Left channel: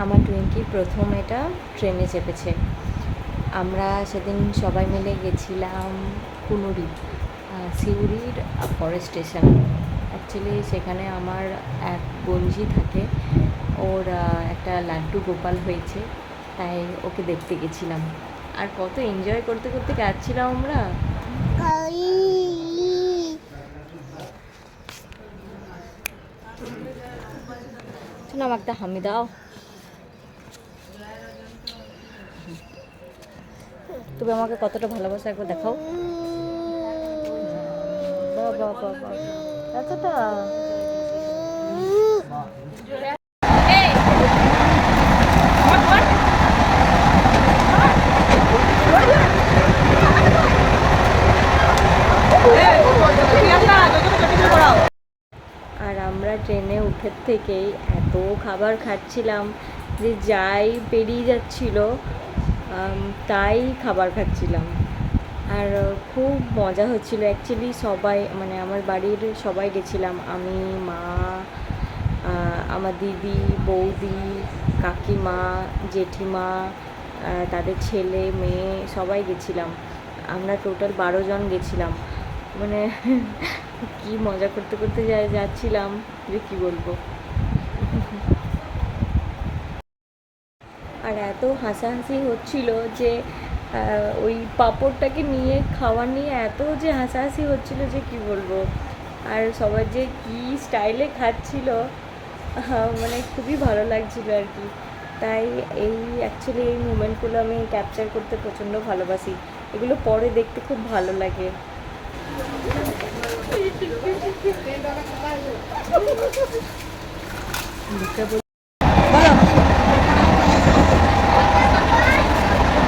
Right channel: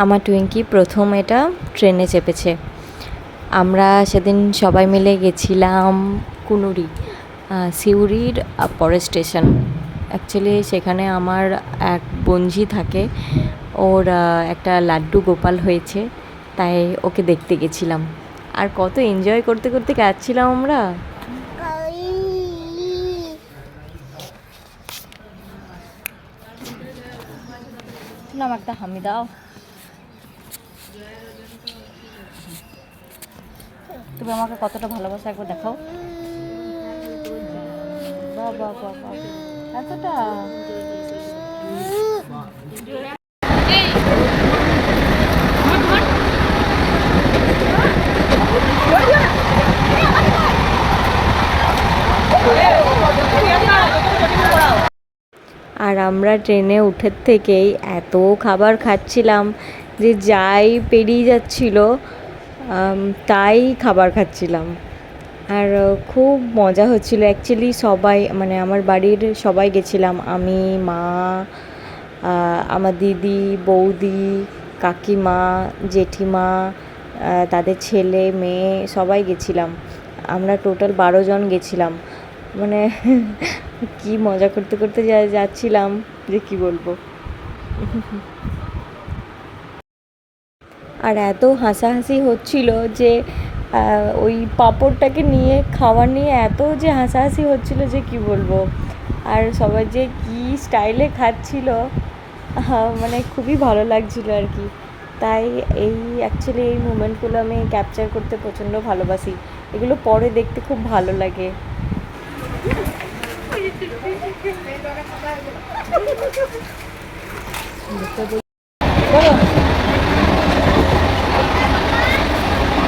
আমার টুইঙ্কি প্রথম এটা ট্রেনে চেপেছে। আমরা সেদিন সবাই মিলে গেছিলাম কুনুরি, সিউড়ির পরের স্টেশন। অ্যাকচুয়ালি সেখানে আমার এক বঞ্জি থাকে, ওর একটা লাড্ডু গোপাল হয়েছে, তাই ওকে দেখতে গেছিলাম। আর কত এনজয় করতে করতে যাচ্ছিলাম আমরা। আমাকে একটা হামি দাও। তুমি আমাকে কতটা ভালোবাসা একবার দেখাও। বাবা বাবা, এতটা। আর আমরা ট্রেনে উঠের থেকেই এত খাবার খাচ্ছিলাম যে যাই পেরিয়ে যাচ্ছিল তাই খাবার খাচ্ছিলাম। আর খুব মজা হচ্ছিলো। অ্যাকচুয়ালি সবাই, মানে আমার বাড়ির সবাই গেছিলাম, আমি, মা, আমার দিদি, বৌদি, কাকিমা, জেঠিমা, তাদের ছেলে মেয়ে সবাই গেছিলাম। আমরা টোটাল 12 জন গেছিলাম। মানে কি মজা করতে করতে যাচ্ছিলাম যে কি বলবো। আর এত হাসাহাসি হচ্ছিল যে ওই পাঁপড়টাকে নিয়ে খাওয়া নিয়ে এত যে হাসাহাসি হচ্ছিল যে কি বলবো। আর সবাই যে কি স্টাইলে খাচ্ছিল, মানে খুবই ভালো লাগছিল আর কি। তাই অ্যাকচুয়ালি এই মুমেন্টগুলো আমি ক্যাপচার করতে প্রচণ্ড ভালোবাসি। এগুলো পরে দেখতে খুব ভালো লাগে।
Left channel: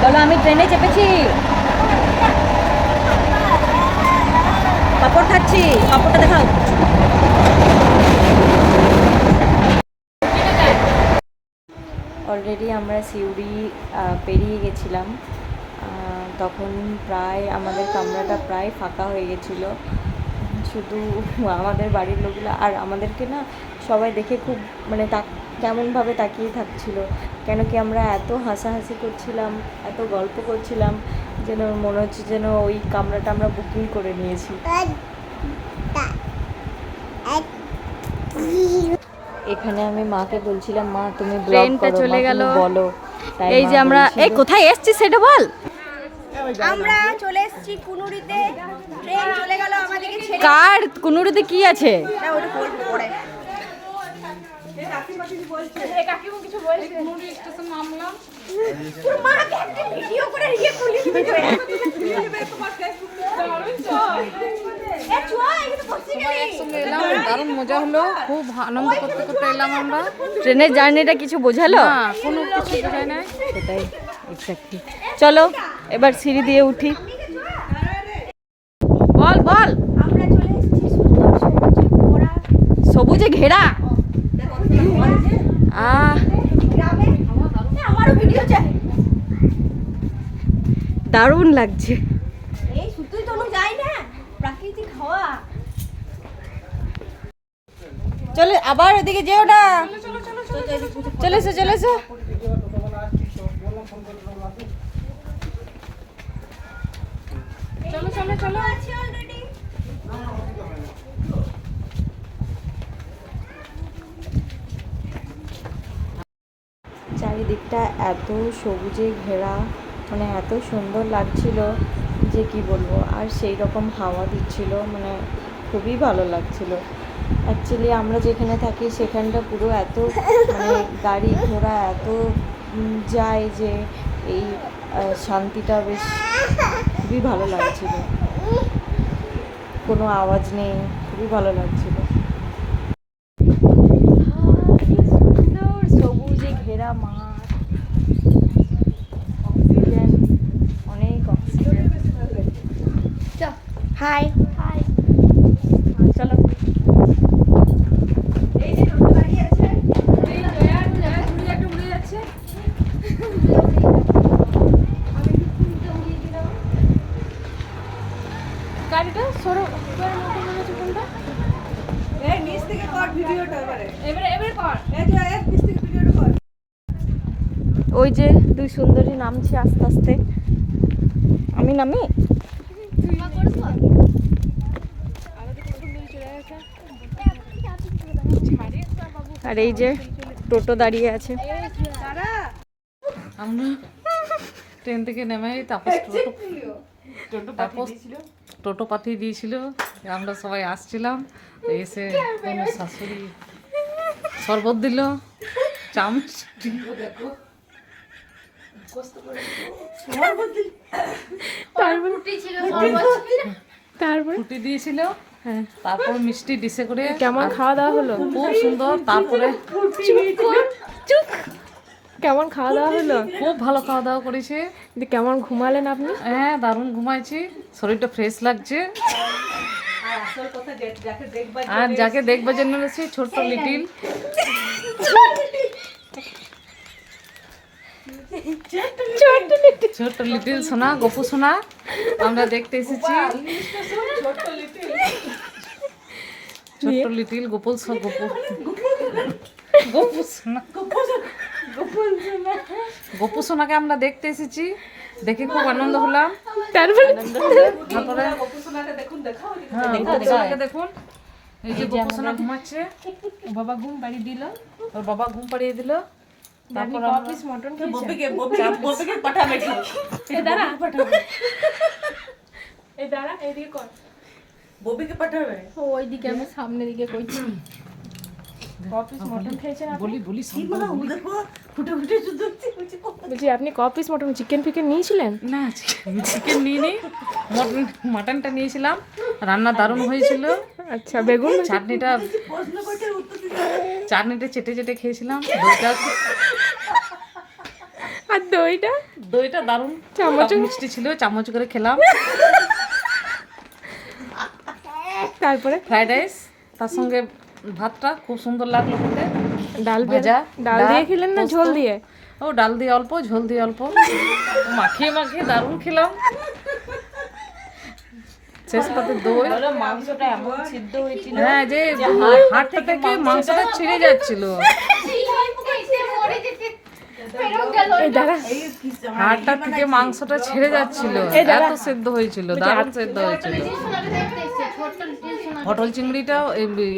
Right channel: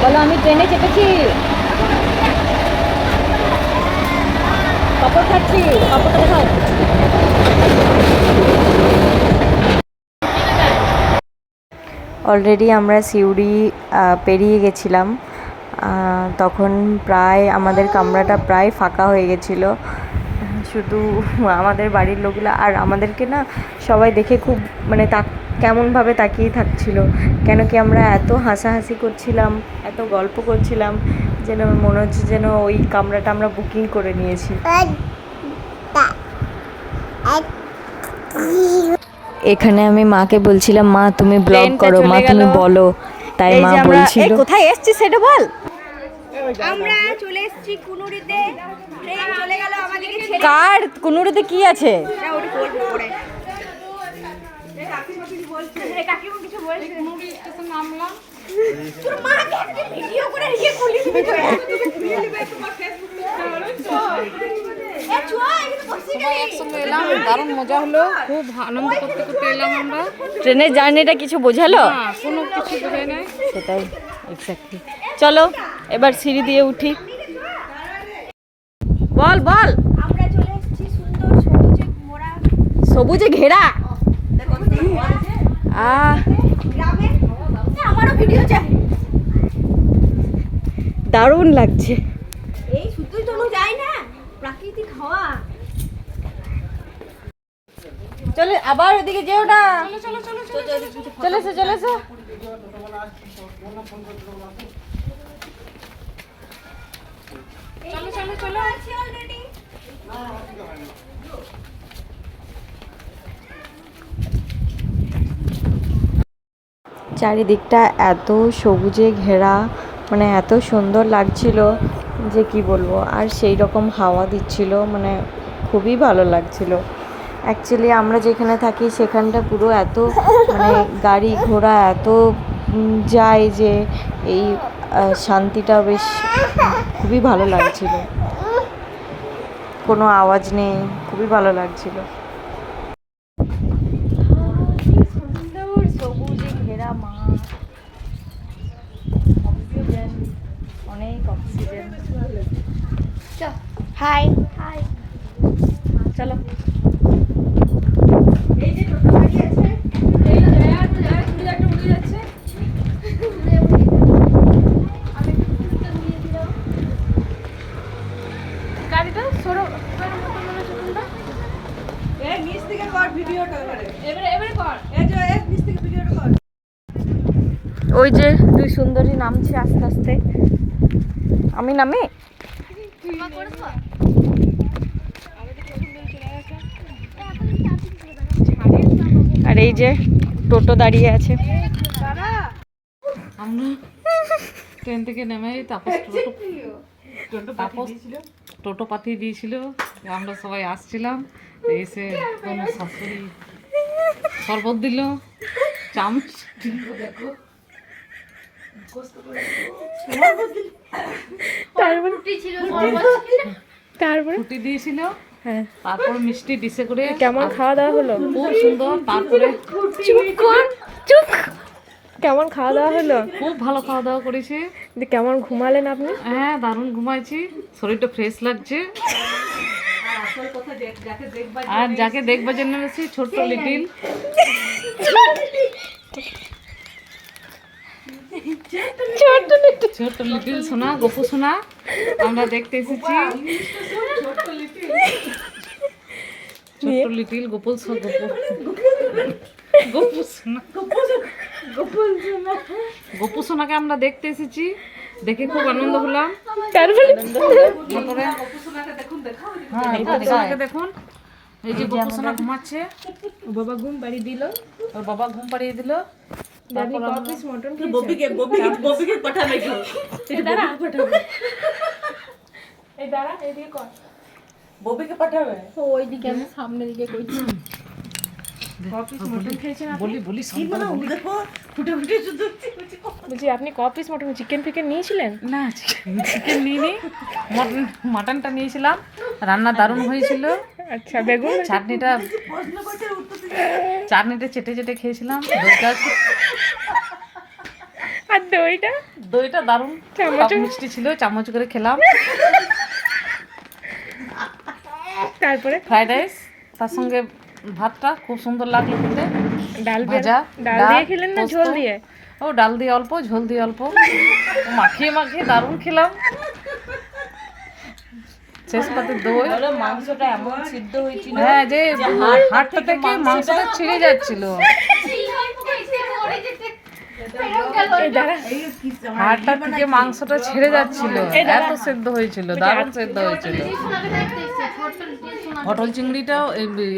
বলো আমি ট্রেনে চেপেছি, পাপড় খাচ্ছি, পাপড়টা দেখাও। অলরেডি আমরা সিউড়ি পেরিয়ে গেছিলাম। তখন প্রায় আমাদের কামরাটা প্রায় ফাঁকা হয়ে গেছিলো, শুধু আমাদের বাড়ির লোকগুলো। আর আমাদেরকে না সবাই দেখে খুব মানে কেমনভাবে তাকিয়ে থাকছিল, কেন কি আমরা এত হাসাহাসি করছিলাম, এত গল্প করছিলাম, যেন মনে হচ্ছে যেন ওই কামরাটা আমরা বুকিং করে নিয়েছি। এখানে আমি মাকে বলছিলাম, মা তুমি ব্লগ করো, মা তুমি বলো। তাই এই যে আমরা কোথায় এসেছি সেটা বল। আমরা চলে এসেছি কুনুরিতে, ট্রেন চলে গেল আমাদেরকে ছেড়ে। কার কুনুরিতে কি আছে? না ওটা বলবো পরে। কাকিমা কিছু বলছে। কুনুরি স্টেশন নামলাম। তোর মাকে একটা ভিডিও করে ইয়ে খুলে দিবি তো। খুলে দিবে তোমার ফেসবুকে। একসঙ্গে এলাম, দারুণ মজা হলো, খুব আনন্দ করতে করতে এলাম আমরা। ট্রেনের জার্নিটা কিছু বোঝালো? কোনো কিছু বোঝায় না। সেটাই এক্স্যাক্টলি। চলো এবার সিঁড়ি দিয়ে উঠি। বল বল। আমরা চলে এসেছি সুন্দর সবুজে ভরা, সবুজে ঘেরা গ্রামে। আমারও ভিডিও চাই। দারুণ লাগছে। এই শুধুই তো যাই না, প্রাকৃতিক হাওয়া। চলে আবার ওদিকে যেও না। চলে এসো চলে এসো। চলো চলো চলো, আছি অলরেডি। চারিদিকটা এত সবুজে ঘেরা, মানে এত সুন্দর লাগছিল যে কি বলবো। আর সেই রকম হাওয়া দিচ্ছিল, মানে খুবই ভালো লাগছিল। অ্যাকচুয়ালি আমরা যেখানে থাকি সেখানটা পুরো এত মানে গাড়ি ঘোড়া এত যায় যে এই শান্তিটা বেশ খুবই ভালো লাগছিল। কোনো আওয়াজ নেই, খুবই ভালো লাগছিল। সবুজে ঘেরা মাঠ, অক্সিজেন, অনেক অক্সিজেন। High high. চলো। এই যে টোটো গাড়ি আছে, এই তুমি একটা উড়ে যাচ্ছে। গাড়িটা সরো, কোনটা? এই নিচ থেকে কর ভিডিওটা এবারে। এবারে কর। এই যে নিচ থেকে ভিডিওটা কর। ওই যে দুই সুন্দরী নামছে আস্তে আস্তে। আমি নামি। আর এই যে টোটো দাঁড়িয়ে আছে। আমরা ট্রেন থেকে নেমে তাপস টোটো পাঠিয়ে দিয়েছিল, আমরা সবাই আসছিলাম। এসে কোনো শাশুড়ি শরবত দিল, চামচ তারপরে ফুটি দিয়েছিল, হ্যাঁ, তারপর মিষ্টি ডিশে করে। কেমন খাওয়া দাওয়া হলো? খুব সুন্দর। তারপরে কেমন খাওয়া দাওয়া হলো? খুব ভালো খাওয়া দাওয়া করেছে। কেমন ঘুমালেন আপনি? হ্যাঁ, দারুণ ঘুমাইছি, শরীরটা ফ্রেশ লাগছে। আর যাকে দেখবার জন্য এসেছি, ছোট্ট লিটিল ছোট্ট লিটিল সোনা, গপু সোনা আমরা দেখতে এসেছি। ছোট্ট লিটিল গপু সোনা, গপু সোনাকে আমরা দেখতে এসেছি। দেখে খুব আনন্দ হলাম। তারপরে হ্যাঁ, গপু সোনাকে দেখুন, এই যে গপু সোনা ঘুমাচ্ছে। বাবা ঘুম পাড়িয়ে দিল। ওর বাবা ঘুম পাড়িয়ে দিল। তারপর এই দাঁড়া, এইদিকে কর। ববিকে পাঠাবে ওইদিকে আমি সামনে দিকে কইছি। কপিস মটন খেয়েছেন আপনি? বলি সব বলি। বলছি আপনি কপিস মটন, চিকেন ফিকেন নিয়েছিলেন? না, চিকেন নিইনি, মাটনটা নিয়েছিলাম। রান্না দারুণ হয়েছিল। আচ্ছা, বেগুন চাটনিটা চেটে চেটে খেয়েছিলাম। আর দইটা দারুণ, চামচ মিষ্টি ছিল, চামচ করে খেলাম। তারপরে ফ্রাইড রাইস, তার সঙ্গে ভাতটা খুব সুন্দর লাগলো খেতে। ডাল ভাজা, ডাল দিয়ে খেলেন না ঝোল দিয়ে? ও ডাল দিয়ে অল্প, ঝোল দিয়ে অল্প, মাখিয়ে দারুণ খেলাম। শেষ পাতে দই। মাংসটা এমন সিদ্ধ হয়েছিল, হ্যাঁ, যে হাড়টা থেকে মাংসটা ছিঁড়ে যাচ্ছিল। হাড়টা থেকে মাংসটা ছেড়ে যাচ্ছিল, এত সেদ্ধ হয়েছিল, দারুণ সেদ্ধ হয়েছিল। পটল চিংড়িটাও,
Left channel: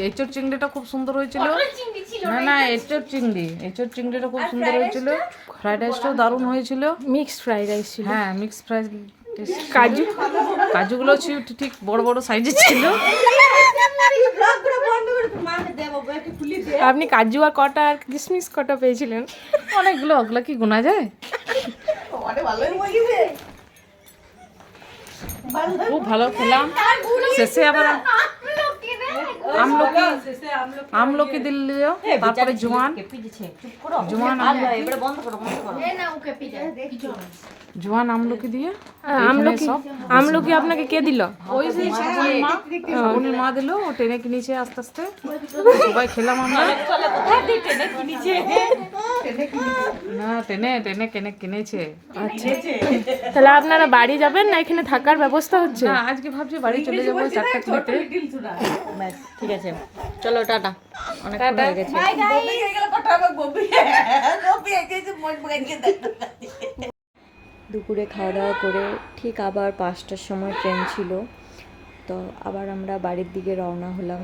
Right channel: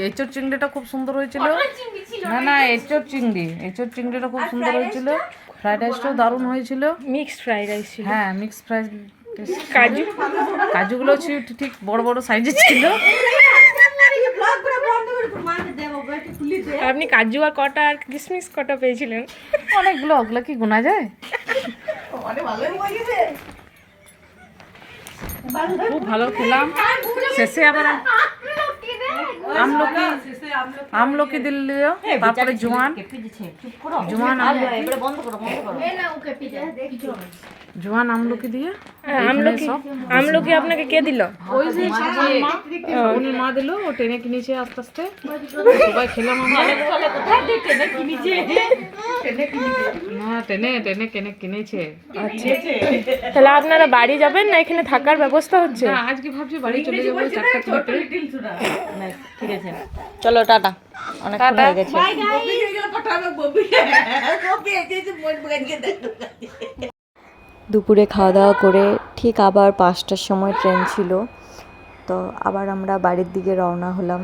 এঁচোড় চিংড়িটা খুব সুন্দর হয়েছিল। না, এঁচোড় চিংড়িটা খুব সুন্দর হয়েছিল। ফ্রাইড রাইসটাও দারুণ হয়েছিল। মিক্সড ফ্রাইড রাইস ছিল। হ্যাঁ, মিক্স ফ্রাইড। কাজুগুলো ঠিক বড় বড় সাইজের ছিল। আপনি কাজু আর কটা আর কিশমিশ কটা পেয়েছিলেন? অনেকগুলো, ওগুলো কি গোনা যায়? খুব ভালো খেলাম। শেষে আবার আমলকি দিল, তারপরে জোয়ান আমলকি দিয়ে। আমলকি আপনাকে কে দিল? ওই যে মা দিল, ও টেনে কিনেছে আস্তে আস্তে, সবাই খেলাম আমরা। না, টেনে কিনেছে। আচ্ছা, তাহলে আপনারা বাড়ি যাবেন না এখানে থাকার ব্যবস্থা হচ্ছে? না, আজকে ভাবছি বাড়ি চলে যাবো 4টা কিলোতে। ঠিক আছে, চলো টাটা, অনেক হয়ে গেছে। দুপুরে খাওয়া দাওয়া করে ঠিক আবার 5টার সময় ট্রেন ছিল, তো আবার আমরা বাড়ির দিকে রওনা হলাম।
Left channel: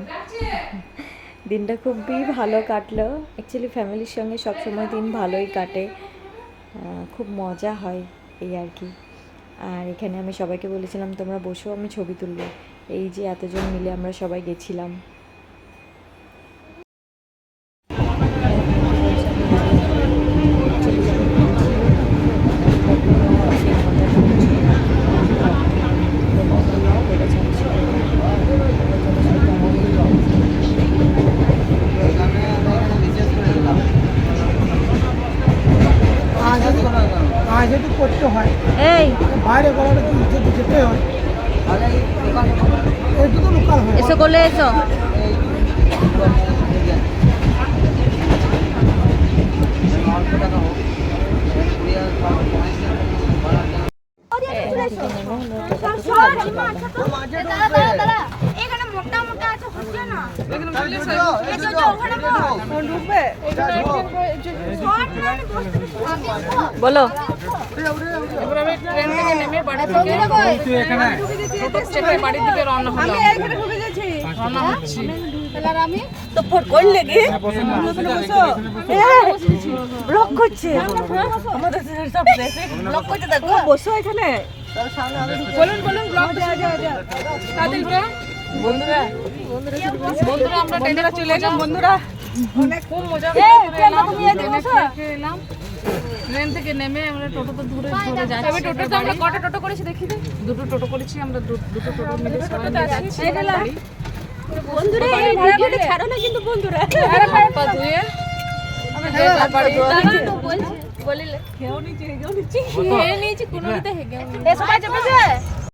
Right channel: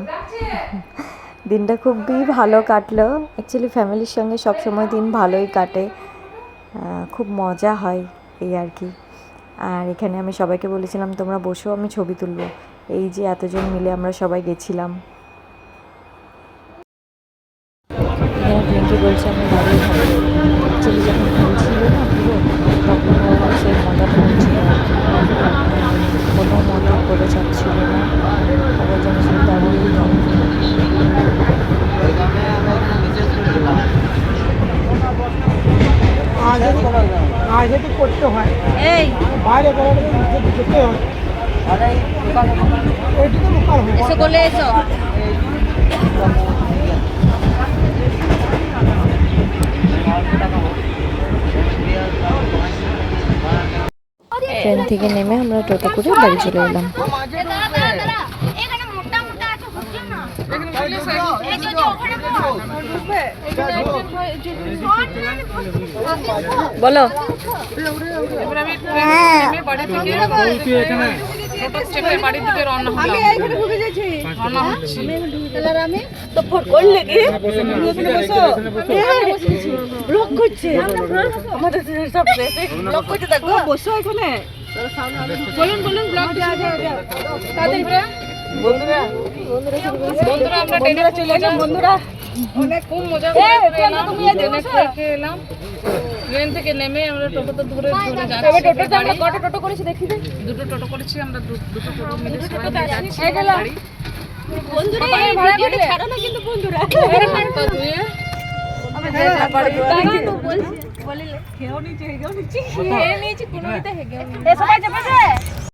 দিনটা খুবই ভালো কাটলো। অ্যাকচুয়ালি ফ্যামিলির সঙ্গে সবসময় দিন ভালোই কাটে, খুব মজা হয় এই আর কি। আর এখানে আমি সবাইকে বলেছিলাম তোমরা বসো, আমি ছবি তুলবো। এই যে এতজন মিলে আমরা সবাই গেছিলাম। বলছে আমি অ্যাকচুয়ালি যখন ছিল না তখন সেই মজাটা হচ্ছিল, কোনো মনে করে যাচ্ছিল না, আবার যেন সে তেমনই আগে তো করতে হয়, এই বাইরে গেলে যেতে হয়, এইটু তো লোকাল হয়। এসো বলে এসো। ট্রেন থেকে নেমে আমরা টোটো করে বাড়ি চলে এলাম। বলো এবার আমি ট্রেন থেকে নেমে বাড়ি থেকে চেপে বাড়ির দিকে রওনা হলাম। আমি এইখানে ঢুকে যাচ্ছি, রওনা হচ্ছি। তো ফোন করলে কি ব্লক করছে আমাদের সব ব্লক করতে দেখো বসো এখানে। বলুন ব্লগ তাদের বন্ধুরা আমরা ট্রেনে চলে এলাম। বন্ধুরা অনেক খুব মজা করে এলাম, ট্রেনে খেয়ে এলাম। ট্রেন থেকে নেমে আমরা টোটোতে ধরে যাচ্ছি। টোটোতে আমরা কটা টোটো করেছি দেখি দে। দুটো টোটো করেছি আমরা, দুটো টোটো মিলে সবাই যাচ্ছি বাড়ি। বন্ধুরা ভিডিওটা ছাড়ো না কিন্তু বন্ধুরা হাতটা ধুয়ে বলে খেয়েও নিচে কোনো দিতে হেগে এসো কাছে